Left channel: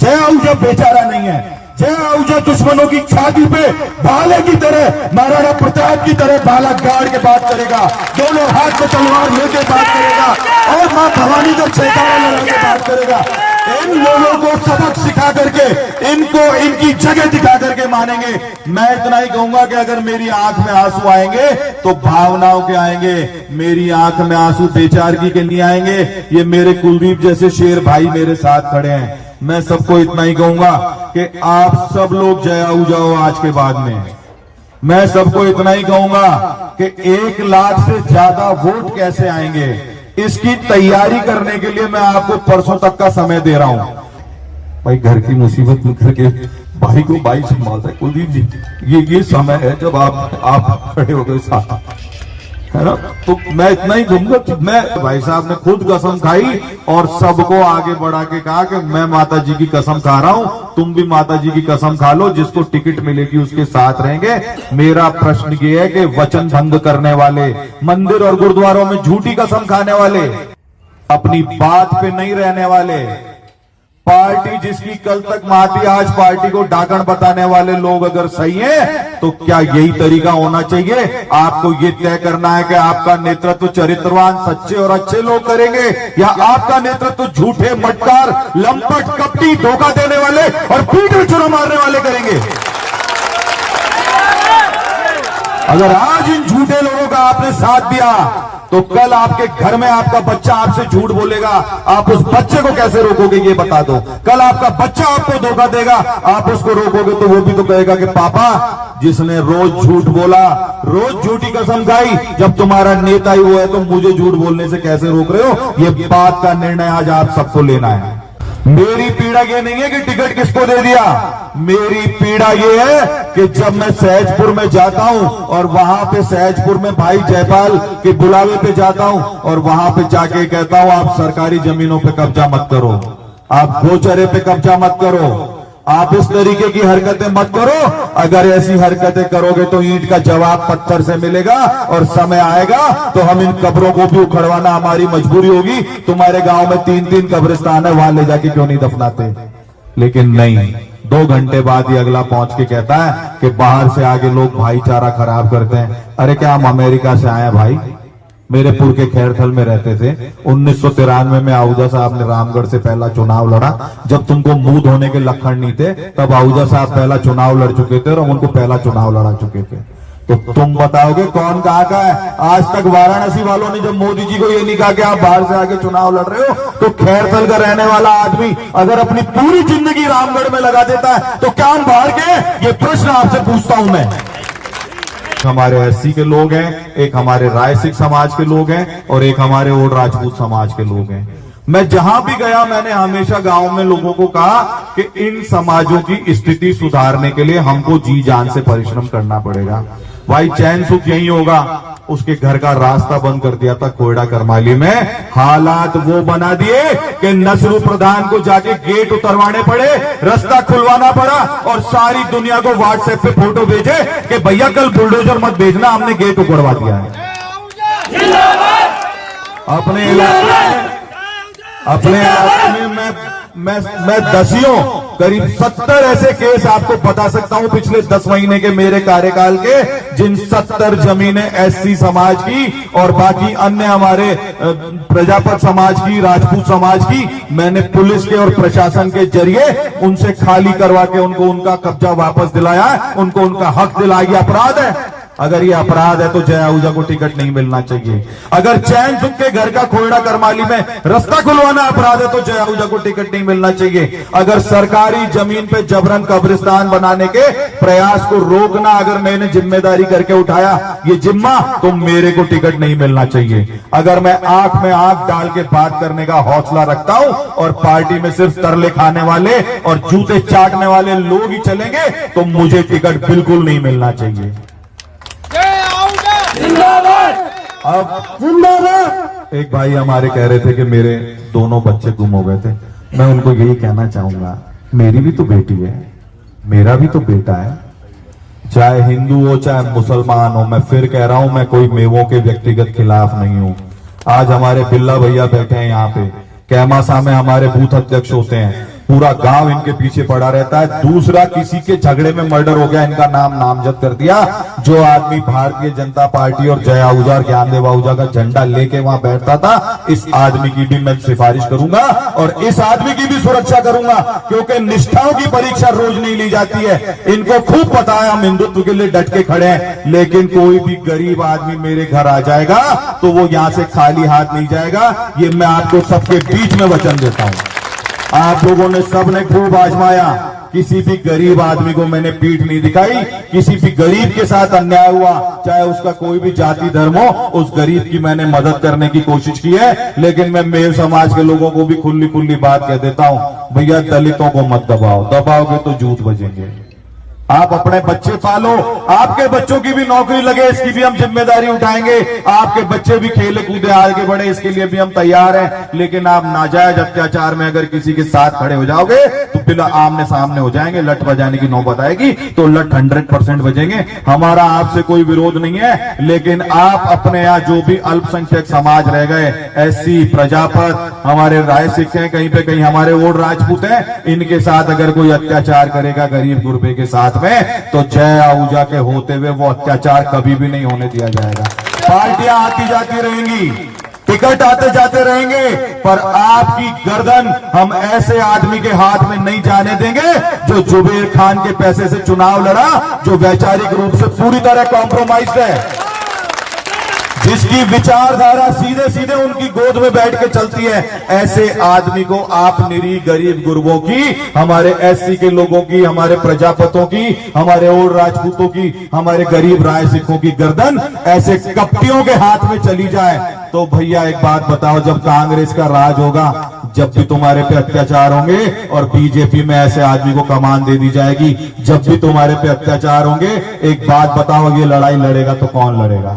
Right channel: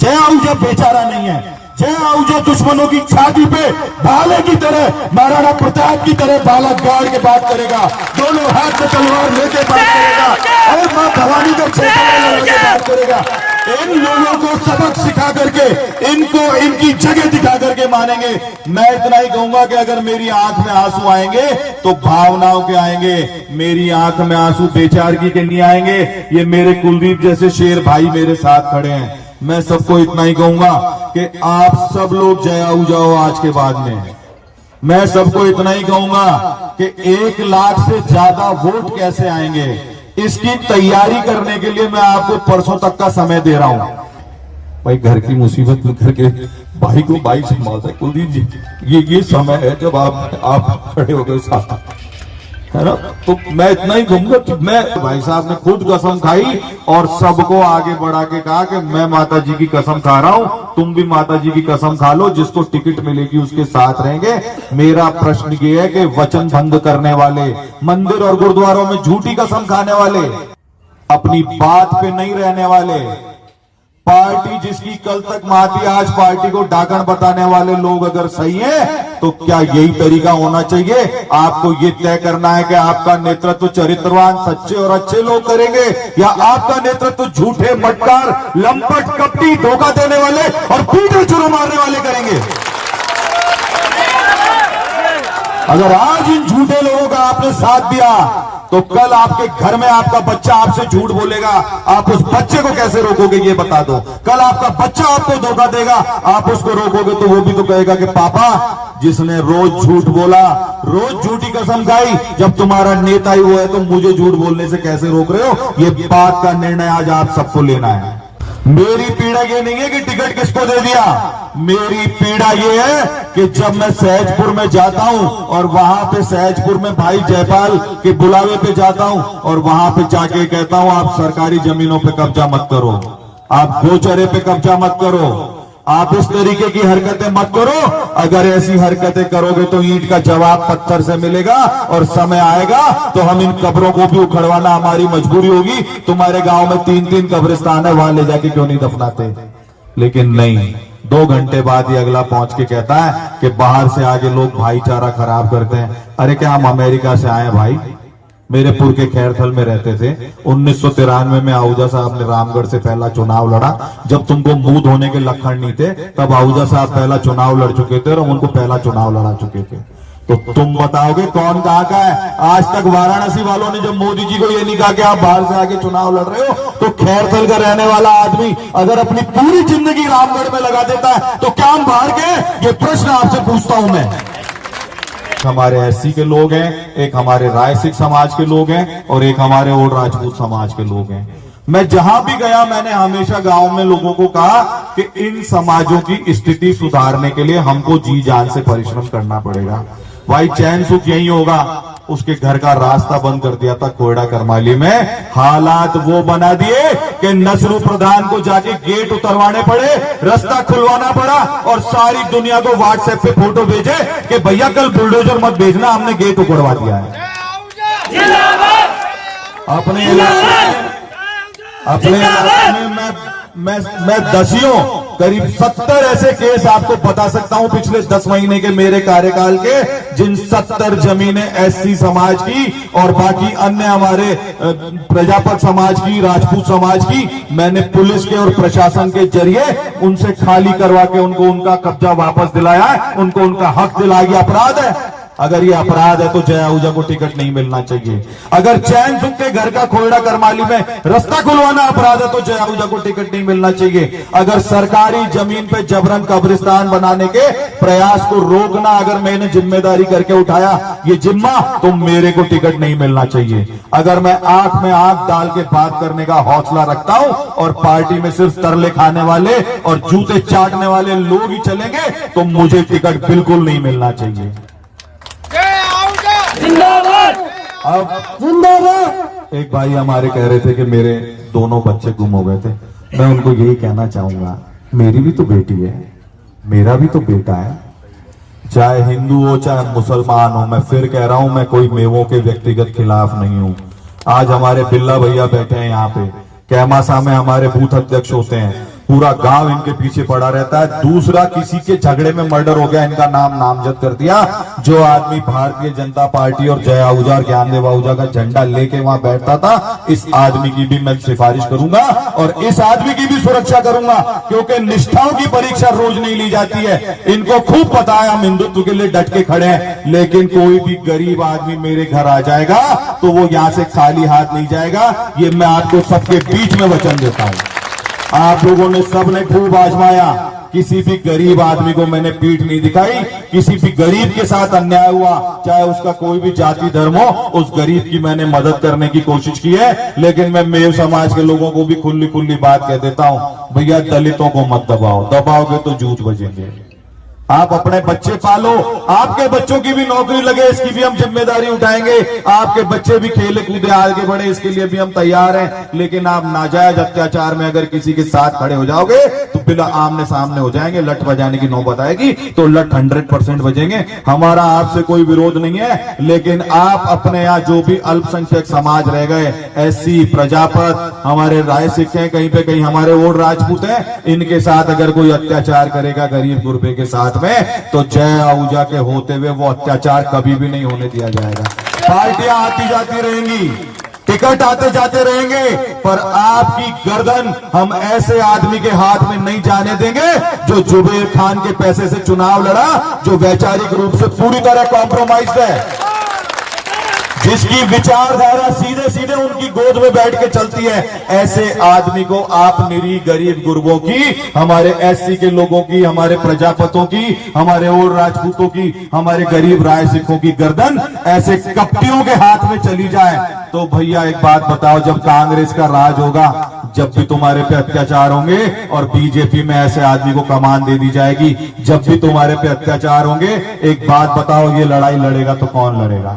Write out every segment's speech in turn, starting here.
जय आहूजा बेचारा नहीं है। जय आहूजा दुश्मनों की छाती पे भाले की तरह, महाराणा प्रताप की तरह भाला गाड़ के बात करेगा, दोनों हाथ में तलवार लेके बात करेगा और मां भवानी का छेका लगा के बात करेगा। इन लोगों को सबक सिखा करके, इनको इनकी जगह दिखा करके मानेंगे। मैं इतना ही कहूंगा कि अगर मेरी आंख में आंसू आएंगे तो भावनाओं के आएंगे, मेरी आंख में आंसू बेचारगी के नहीं आएंगे। ये मेरे कुलदीप जैसे शेर भाई मेरे साथ खड़े हैं। मैं सबको इतना ही कहूंगा कि आप सब लोग जय आहूजा हो आज के बाद में। मैं सबको इतना ही कहूंगा कि 1 लाख से ज्यादा वोट कैसे आएंगे, इसकी तैयारी करने के लिए मैं आपको परसों तक का समय दे रहा हूं। भाई घर की मुसीबत में करके भाई को भाई संभालता है कुलदीप जी, ये समय है जब आप खड़े हो गए साथ, है ना। तो मैं इतना ही कहूंगा कि मैं भाई साहब ने खुद कसम खाई और सबको आगे बढ़ा के कहा कि मैं माता जी की कसम खा रहा हूं, तुम भी माता जी की कसम खा लो, जिसको टिकट मिलेगी उसके साथ रहेंगे। मेरा प्रश्न ये है कि वचन भंग करने वाले, मंदिर और गुरुद्वारों में झूठी कसम खाने वाले, अपनी बात पे नहीं रहने वाले, पार्टी जिसकी कल तक माती आज पार्टी को डाकण बताने वाले लोग अगर सही हैं, तो क्या यही तरीका होना चाहिए? आपको ये तय करना है कि आपका नेतृत्व चरित्रवान, सच्चे और अच्छे लोग करेंगे या आपका नेतृत्व झूठे, मटकार, लंपट, कपटी, धोखा देने वाले और पीठ चुरा मारने वाले करेंगे। अगर आज इन झूठे लोगों का आपने साथ दिया तो कल आपके घर में आपका बच्चा आपसे झूठ बोलेगा, आप उस बच्चे को कैसे रोकोगे ये बता दो। कल आपका बच्चा आपको धोखा देगा, आप उसको रोकोगे तो वो भी तो कहेगा कि पापा जिसने रोज झूठ बोला, रोज झूठी कसम खाई, जब तुम्हारा नेता ही वो है तो मुझे झूठ बोलने से कैसे रोक रहे हो। ये बात का निर्णय आज आप सबको लेना है। मेरी पीड़ा ये नहीं है कि टिकट किसको दे दिया, मेरी पीड़ा ये है कि जब मैं सहजपुर में जाता हूं और वहां पे सहजपुर में भाई जयपाल के बुलावे पे जाता हूं और वहां पे जाके कहता हूं आप सरकारी जमीनों पे कब्जा मत करो, आप गोचरे पे कब्जा मत करो, आप इस तरीके की हरकतें मत करो। अगर ऐसी हरकतें करोगे तो ईंट का जवाब पत्थर से मिलेगा और समय आएगा तो हम इन कब्रों को भी उखड़वाना हमारी मजबूरी होगी। तुम्हारे गांव में 3-3 कब्रिस्तान है, वहां ले जाके क्यों नहीं दफनाते? लेकिन नहीं, 2 घंटे बाद ही अगला पहुंच के कहता है कि बाहर से आगे लोग भाईचारा खराब करते हैं। अरे क्या हम अमेरिका से आए भाई? मेरे पुर के खैरथल में रहते थे। 1993 में आहूजा साहब ने रामगढ़ से पहला चुनाव लड़ा। जब तुमको मुंह धोने के लक्षण नहीं थे तब आहूजा साहब पहला चुनाव लड़ चुके थे और हम उनको पहला चुनाव लड़ा चुके थे। तो तुम बताओगे कौन कहाँ का है? आज तक वाराणसी वालों ने जब मोदी जी को ये नहीं कहा कि आप बाहर से आके चुनाव लड़ रहे हो, तो खैरथल का रहने वाला आदमी अगर अपनी पूरी जिंदगी रामगढ़ में लगा देता है तो क्या हम बाहर के? ये प्रश्न आपसे पूछता हूं मैं। हमारे एससी के लोग हैं, एक हमारे राय सिख समाज के लोग हैं और एक हमारे ओड राजपूत समाज के लोग हैं। मैं जहां भी गया मैंने हमेशा गांव में लोगों को कहा कि इन समाजों की स्थिति सुधारने के लिए हमको जी जान से परिश्रम करना पड़ेगा। भाई चैन सुख यही होगा। उसके घर का रास्ता बंद कर दिया था कोयडा करमाली में, हालात वो बना दिए कि नसरू प्रधान को जाके गेट उतरवाने पड़े, रास्ता खुलवाना पड़ा और सारी दुनिया को व्हाट्सएप पे फोटो भेजे कि भैया कल बुलडोजर मत भेजना, हमने गेट उखड़वा दिया है। अपने इलाके में मैं दसियों करीब 70 ऐसे केस आपको बता सकता हूं पिछले 10 महीने के मेरे कार्यकाल के, जिन 70 जमीनें एससी समाज की और बाकी अन्य हमारे प्रजापत समाज की, राजपूत समाज की, मैंने पुलिस के और प्रशासन के जरिए उनसे खाली करवा के उनको उनका कब्जा वापस दिलाया, उनको उनका हक दिलाया। अपराध है? अगर ये अपराध है तो जय आहूजा को टिकट नहीं मिलना चाहिए। अगर चैन सुख के घर का कोयडा करमाली में रास्ता खुलवाना अपराध है तो जय आहूजा को टिकट नहीं मिलना चाहिए। अगर सरकारी जमीन पे जबरन कब्रिस्तान बनाने के प्रयास को रोकना अगर मैंने जिम्मेदारी करके उठाया ये जिम्मा, तो मेरे को टिकट नहीं मिलना चाहिए। अगर मैं आंख में आंख डाल के बात करने का हौसला रखता हूं और पार्टी में सिर्फ तरले खाने वाले और जूते चाटने वाले लोग ही चलेंगे तो मुझे टिकट बिल्कुल नहीं मिलना चाहिए। अब जिंदाबाद। एक भाई हमारे कह रहे थे कि मेरे दोनों बच्चे गुम हो गए थे। मैं उनको यही कहना चाहूंगा, मेरी भी तो बेटी है, मेरा भी तो बेटा है, चाहे हिंदू हो चाहे मुसलमान हो। मैं फिर कह रहा हूं, मैं कोई मेवों के व्यक्तिगत खिलाफ नहीं हूं। आज हमारे बिल्ला भैया बैठे हैं यहाँ पे, कैमासा में हमारे बूथ अध्यक्ष होते हैं, पूरा गांव इनके पीछे पड़ा रहता है। दूसरा, किसी के झगड़े में मर्डर हो गया, इनका नाम नामजद कर दिया। जो आदमी भारतीय जनता पार्टी और जय आहूजा और ज्ञानदेव आहूजा का झंडा लेके वहां बैठता था, इस आदमी की भी मैं सिफारिश करूंगा और इस आदमी की भी सुरक्षा करूंगा, क्योंकि निष्ठाओं की परीक्षा रोज नहीं ली जाती है। इनको खूब पता है हम हिंदुत्व के लिए डट के खड़े हैं, लेकिन कोई भी गरीब आदमी मेरे घर आ जाएगा तो वो यहां से खाली हाथ नहीं जाएगा। ये मैं आपको सबके बीच में वचन देता हूं। आप लोगों ने सबने खूब आजमाया, किसी भी गरीब आदमी को मैंने पीठ नहीं दिखाई। किसी भी गरीब के साथ अन्याय हुआ, चाहे उसका कोई भी जाति धर्म हो, उस गरीब की मैंने मदद करने की कोशिश की है। लेकिन मैं मेरे समाज के लोगों को भी खुली खुली बात कह देता हूं, भैया दलितों को मत दबाओ, दबाओगे तो जूझ बजेंगे। आप अपने बच्चे पालो, आपके बच्चों की भी नौकरी लगे, इसकी भी हम जिम्मेदारी उठाएंगे। आपके बच्चे भी खेले कूदे आगे बढ़े, इसके लिए भी हम तैयार हैं। लेकिन आप नाजायज अत्याचार में अगर किसी के साथ खड़े हो जाओगे तो बिना आमने सामने हो जाएंगे, लठ बजाने की नौबत आएगी तो लठ 100% बजेंगे। हमारा आपसे कोई विरोध नहीं है, लेकिन आप अपने यहाँ जो भी अल्पसंख्यक समाज रह गए, एससी, प्रजापत, हमारे राय सिख हैं, कहीं पे कहीं हमारे ओड राजपूत हैं, इनके साथ अगर कोई अत्याचार करेगा गरीब गुरबे के साथ में, तो जय आहूजा के होते हुए वो अत्याचार कभी भी नहीं होने दिया जाएगा। पार्टियां आती जाती रहेंगी, टिकट आते जाते रहेंगे, पर आपकी गर्दन हम ऐसे आदमी के हाथ में नहीं जाने देंगे जो जुबेर खान के पैसे से चुनाव लड़ा, जो वैचारिक रूप से पूरी तरह कॉम्प्रोमाइज है, जिसकी विचारधारा सीधे सीधे उनकी गोद में बैठ के चलती है। ऐसे आदमी को आप निरीह गरीब गुरबों की, हमारे एससी के लोगों की, हमारे प्रजापतों की, हमारे और राजपूतों की, हमारे गरीब राय सिखों की गर्दन ऐसे कपटियों के हाथ में चली जाए तो भैया एक बात बताओ, जब कांग्रेस का राज होगा, जब भी तुम्हारे पे अत्याचार होंगे और बीजेपी में ऐसे आदमी को कमान दे दी जाएगी, जब भी तुम्हारे पे अत्याचार होंगे, एक बात बताओ, ये लड़ाई लड़ेगा तो कौन लड़ेगा?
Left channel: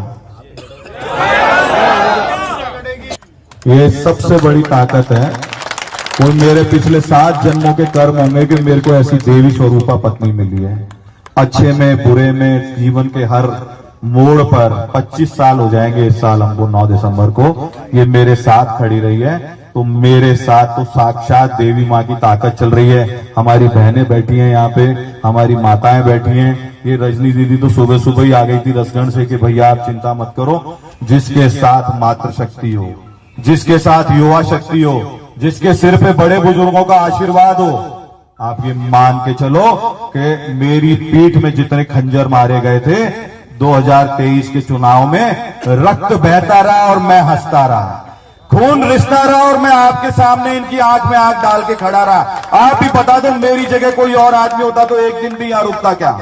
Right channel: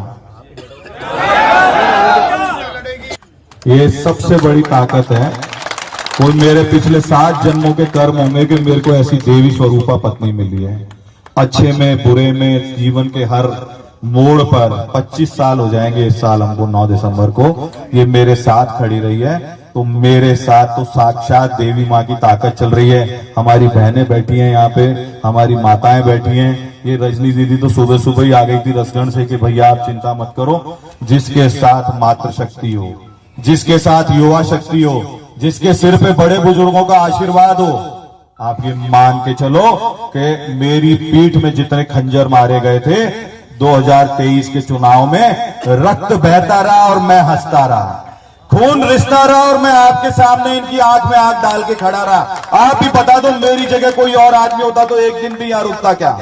ये सबसे बड़ी ताकत है। कोई मेरे पिछले 7 जन्मों के कर्म होंगे कि मेरे को ऐसी देवी स्वरूपा पत्नी मिली है। अच्छे में बुरे में जीवन के हर मोड़ पर 25 साल हो जाएंगे इस साल हमको 9 दिसंबर को, ये मेरे साथ खड़ी रही है। तो मेरे साथ तो साक्षात देवी माँ की ताकत चल रही है। हमारी बहनें बैठी हैं यहाँ पे, हमारी माताएं बैठी हैं। ये रजनी दीदी तो सुबह सुबह ही आ गई थी रसगढ़ से कि भैया आप चिंता मत करो, जिसके साथ मातृशक्ति हो, जिसके साथ युवा शक्ति हो, जिसके सिर पे बड़े बुजुर्गों का आशीर्वाद हो, आप ये मान के चलो कि मेरी पीठ में जितने खंजर मारे गए थे 2023 के चुनाव में, रक्त बहता रहा और मैं हंसता रहा, खून रिश्ता रहा और मैं आपके सामने इनकी आंख में आंख डाल के खड़ा रहा। आप ही बता दो, मेरी जगह कोई और आदमी होता तो एक दिन भी यहां रुकता क्या?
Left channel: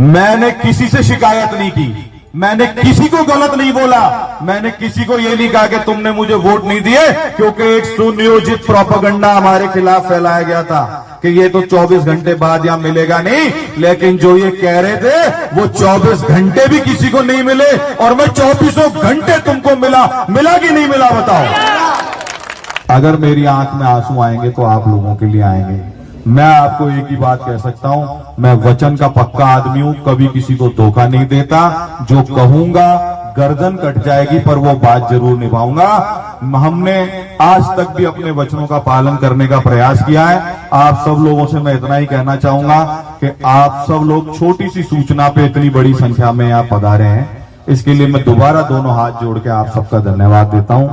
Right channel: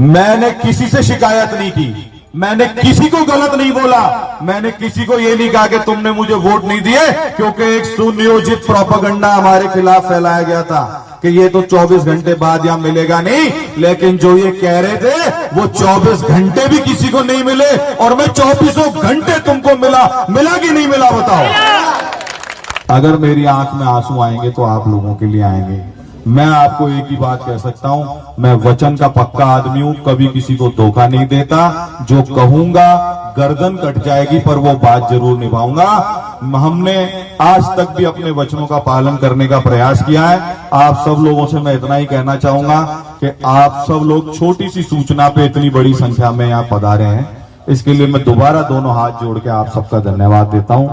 मैंने किसी से शिकायत नहीं की, मैंने किसी को गलत नहीं बोला, मैंने किसी को ये नहीं कहा कि तुमने मुझे वोट नहीं दिए, क्योंकि एक सुनियोजित प्रोपेगेंडा हमारे खिलाफ फैलाया गया था कि ये तो 24 घंटे बाद यहां मिलेगा नहीं। लेकिन जो ये कह रहे थे वो 24 घंटे भी किसी को नहीं मिले, और मैं 24 घंटे तुमको मिला कि नहीं मिला बताओ? अगर मेरी आंख में आंसू आएंगे तो आप लोगों के लिए आएंगे। मैं आपको एक ही बात कह सकता हूं, मैं वचन का पक्का आदमी हूं, कभी किसी को धोखा नहीं देता। जो कहूंगा गर्दन कट जाएगी पर वो बात जरूर निभाऊंगा। हमने आज तक भी अपने वचनों का पालन करने का प्रयास किया है। आप सब लोगों से मैं इतना ही कहना चाहूंगा कि आप सब लोग छोटी सी सूचना पे इतनी बड़ी संख्या में यहाँ पधारे हैं, इसके लिए मैं दोबारा दोनों हाथ जोड़ के आप सबका धन्यवाद देता हूं।